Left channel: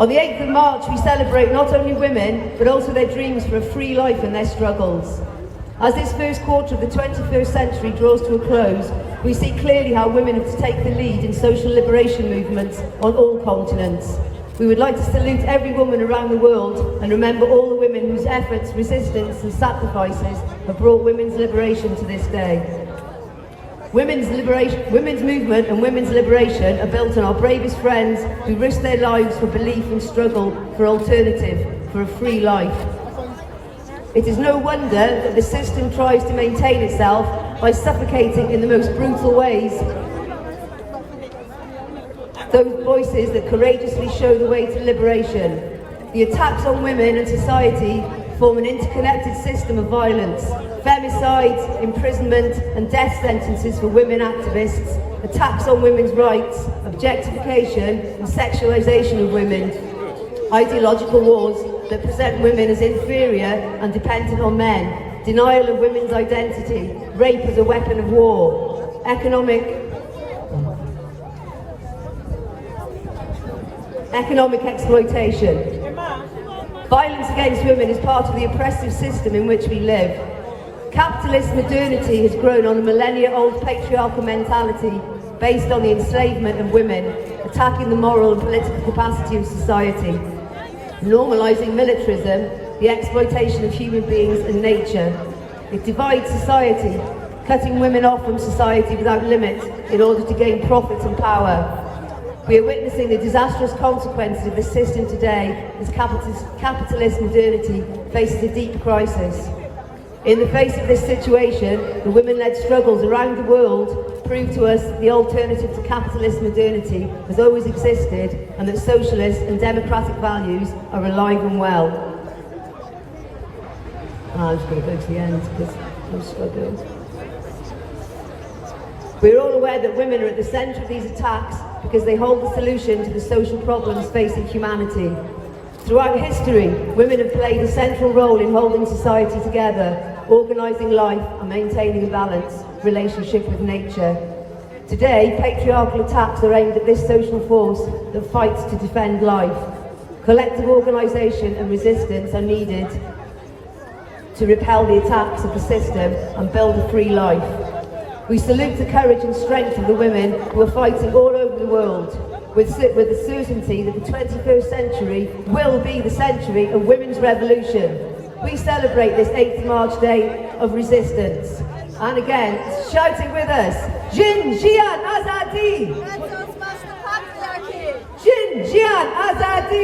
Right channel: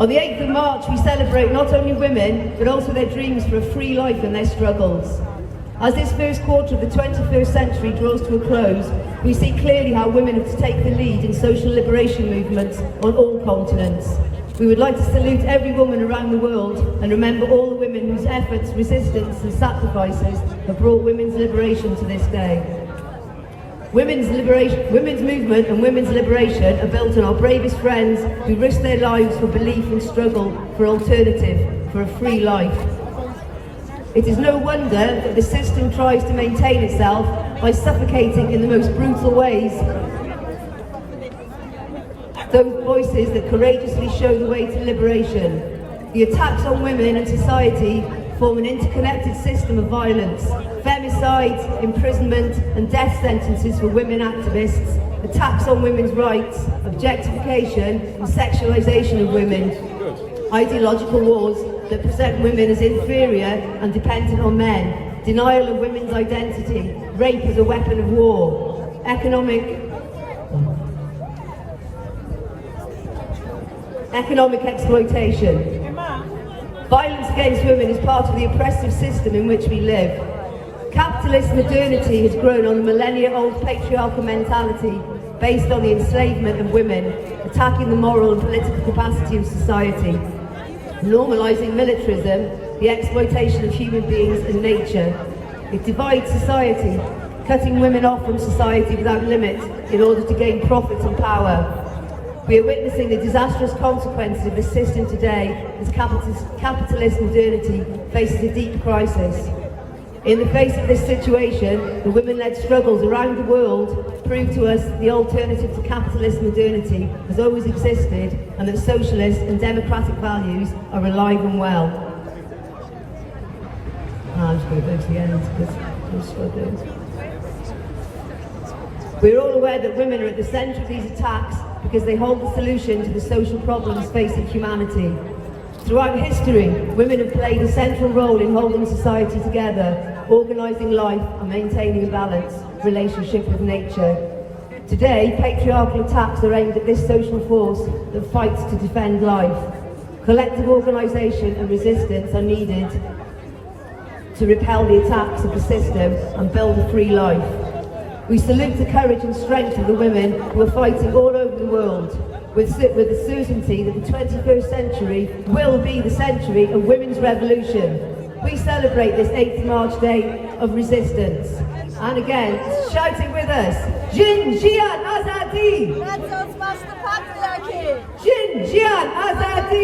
On the 8th of March, we celebrate not only women, but also their dreams for a free life and their struggles. As this first quarter of the 21st century draws to a close, we see clearly how women have to take the lead in social liberation movements on all continents. We would like to salute every woman around the world and remember all the women whose efforts, resistance and sacrifices have brought women's liberation to this day. Women's movement and women's liberation are built on our bravest friends who risk their lives for belief and struggle for alternative, for a free life. It is no wonder that the system tries to maintain itself by suffocating in the most brutal ways those voices that courageously show the way to liberation. The attacks on women and society form an interconnected system of violence. Femicides, imprisonment and death sentences for women activists, attacks on women's rights, objectification and sexualisation of women, ideological wars that present women as inferior and dependent on men, denial of women's identity, rape as a weapon of war, economic exploitation. Violence against women is part of the oppressive system in which we live. Capitalist modernity has grown on a millennia-old patriarchal mentality based on the enslavement of women, attacking the moral and political capacity of society, normalising militarism, the exploitation of human beings and nature. It divides society, cutting women off from society without limit in order to gain profits and power. We are witnessing the disastrous consequences of this system today as capitalist modernity faces a deep crisis. In the face of this situation, the women-led struggles around the world prove to us the alternative to capitalist modernity has always existed and that socialist and democratic values are alive and well. I'm just going to go to the end because I'm struggling. We're all aware that women are at the centre of these attacks because they hold the solution to the social problems facing humanity. Throughout history, women have played a central role in holding society together, organising life and maintaining a balanced relationship with nature. Today, patriarchal attacks are aimed at this social force that fights to defend life. Collective organisation and resistance are needed to repel the attacks of the system and build a free life. We salute the courage and strength of the women who are fighting all over the world, with the certainty that the 21st century will be the century of women's revolution. We celebrate this 8th March Day of Resistance. And again, shout it with us. Jin Jian Azadi! Jin Jian Azadi!